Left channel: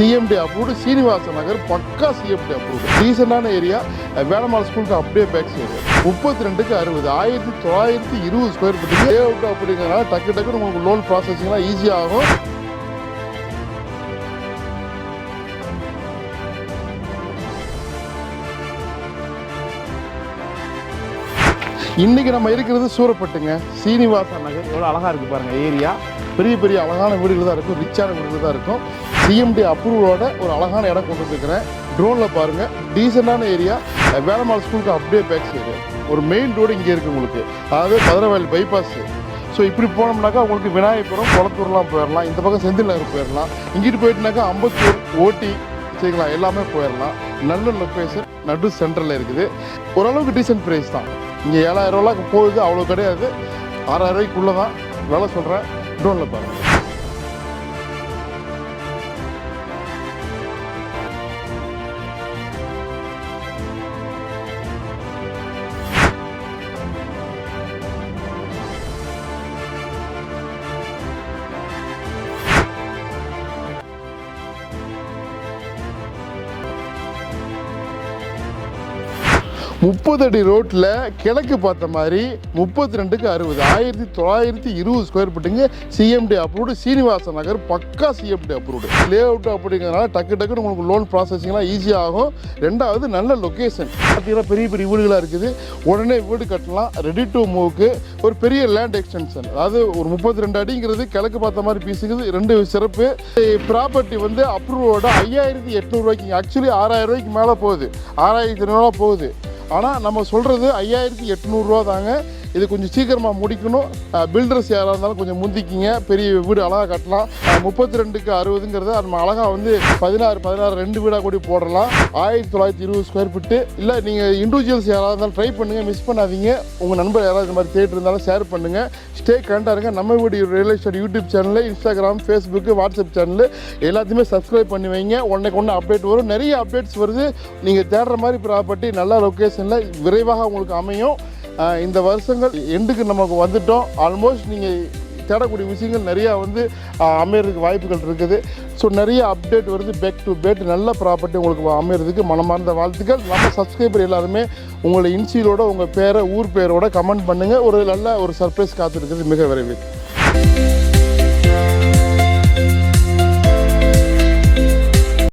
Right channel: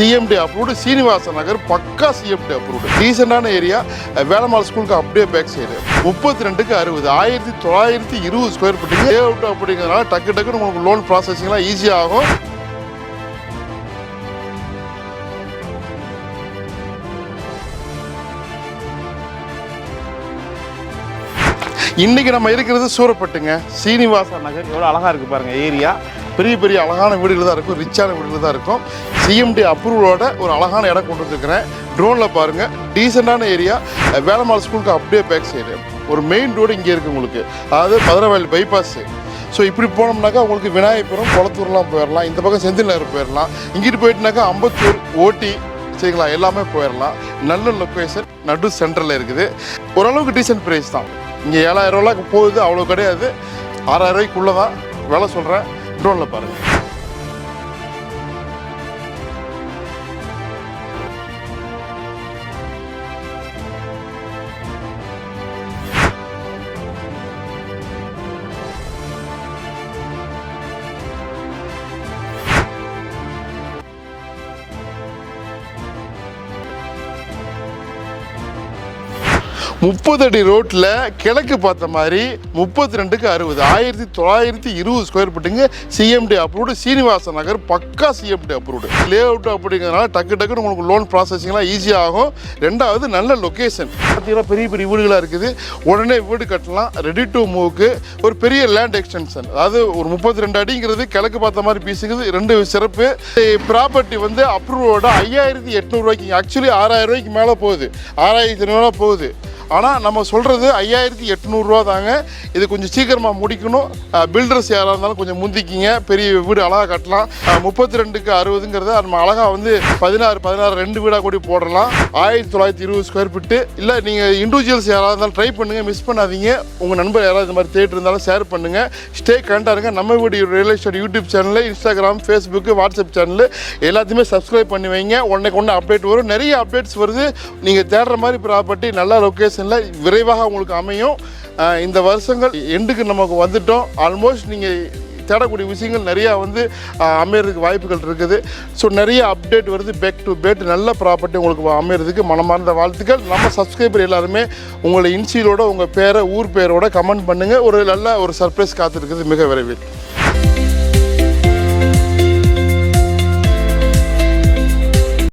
CMD approved, Srinivasa Nagar பக்கா CMD approved, டீசெண்டான area, Velammal ஸ்கூலுக்கு அப்படியே பேக் சைடு. 32க்கு 60, 1920 ஸ்கொயர் ஃபீட் லே அவுட் அப்படிங்கிறதுனால டக்கு டக்குன்னு உங்களுக்கு லோன் ப்ராசஸிங்லாம் ஈஸியாக ஆகும். இன்றைக்கி நம்ம இருக்கிறது சூரப்பட்டுங்க, சீனிவாச நகர். எவ்வளோ அழகாக இருக்குது பாருங்கள் ஏரியா. பெரிய பெரிய அழகான வீடுகள் தான் இருக்கும், ரிச்சான வீடுகள் தான் இருக்கும். சிஎம்டி அப்ரூவலோட ஒரு அழகான இடம் கொண்டு வந்துருக்கிறேன். ட்ரோனில் பாருங்கள், டீசெண்டான ஏரியா, வேலம்மாள் ஸ்கூலுக்கு அப்படியே பேக் சைடு. ஒரு மெயின் ரோடு இங்கே இருக்குது உங்களுக்கு, அதாவது மதுரவாயில் பைபாஸு. ஸோ இப்படி போனோம்னாக்கா உங்களுக்கு விநாயகபுரம், குளத்தூர்லாம் போயிடலாம். இந்த பக்கம் செந்தில் நகர் போயிடலாம். இங்கிட்டு போயிட்டுனாக்கா அம்பத்தூர், ஓட்டி, சரிங்களா, எல்லாமே போயிடலாம். நல்ல லொக்கேஷன், நடு சென்டரில் இருக்குது. ஓரளவுக்கு டீசென்ட் ப்ரைஸ் தான். இங்கே 7000 ரூபாய்க்கு போகுது, அவ்வளோ கிடையாது. 6000 ரூபாய்க்குள்ளே தான் விலை சொல்கிறேன். ட்ரோனில் பாருங்கள். முப்பது அடி ரோட்டில் கிழக்கு பார்த்த மாதிரி 32க்கு 60, 1920 square ஃபீட்டுங்க. CMD approved, Srinivasa Nagar பக்கா சிஎம்டி அப்ரூவ்டு. லே அவுட் அப்படிங்கிறதுனால டக்கு டக்குன்னு உங்களுக்கு லோன் ப்ராசஸிங்லாம் ஈஸியாக ஆகும். ரெண்டாவது நல்ல லொக்கேஷன். பார்த்தீங்கன்னா பெரிய பெரிய வீடுகளாக இருக்குது. உடனே வீடு கட்டலாம். ரெடி டு மூவ்க்கு ஒரு பெரிய லேண்ட் எக்ஸ்டென்ஷன். அதாவது ஒரு 32 அடிங்கிறது கிழக்கு பார்த்த மாதிரி பீஸுக்குது. ரெண்டு சிறப்பு. ப்ராப்பர்ட்டி வந்து அப்ரூவோட 5800 ரூபாய்க்கு, ஆக்சுவலி 6000 ரூபாய்க்கு மேலே போகுது, 6500 போகுது. ஆனால் நம்ம சொல்கிறது 5800 ரூபா தாங்க. இது கொஞ்சம் சீக்கிரமாக முடிக்கணும். பில்டர்ஸ் யாராக இருந்தாலும் கொஞ்சம் முந்திக்கிங்க, பெரிய வீடு அழகாக கட்டலாம். 32க்கு 60ங்கிறத நம்ம அழகாக வந்து 16 2 வீடாக கூடி போடலாம். 1920 ஸ்கொயர் ஃபீட்டு. இல்லை நீங்கள் இண்டிவிஜுவல்ஸ் யாராக இருந்தாலும் ட்ரை பண்ணுங்கள், மிஸ் பண்ணாதீங்க. உங்கள் நண்பர் யாராவது இந்த மாதிரி தேட்டர் இருந்தாலும் ஷேர் பண்ணுங்கள். ஸ்டே கண்டாருங்க. நம்ம வீடு ரியல் எஸ்டேட் யூடியூப் சேனலில், இன்ஸ்டாகிராம், ஃபேஸ்புக்கு, வாட்ஸ்அப் சேனல் எல்லாத்தையுமே சப்ஸ்கிரைப் பண்ணி வைங்க. ஒன்று அப்டேட் வரும். நிறைய அப்டேட்ஸ் வருது. நீங்கள் தேடுற மாதிரி ப்ராப்பர்ட்டி நல்ல லொக்கேஷன் விரைவாக உங்களுக்கு அமையும். இந்த வருஷங்கள் எண்டுக்கு நமக்கு வந்துட்டோம். ஆல்மோஸ்ட் நீங்கள் தேடக்கூடிய விஷயங்கள் நிறையா வந்து அமையறதுக்கு வாய்ப்புகள் இருக்குது. ஸோ நிறைய அப்டேட் வருது. பேக் டு பேக் நல்ல ப்ராப்பர்ட்டி உங்களுக்கு அமையறதுக்கு மனமார்ந்த வாழ்த்துக்கள். நம்ம சப்ஸ்கிரைபர் எல்லாருமே உங்களை இன்சியலோட, உங்கள் பேரை, ஊர் பேரோட கமெண்ட் பண்ணுங்கள். ஒரு நல்ல ஒரு சர்ப்ரைஸ் காத்திருக்குது மிக விரைவில்.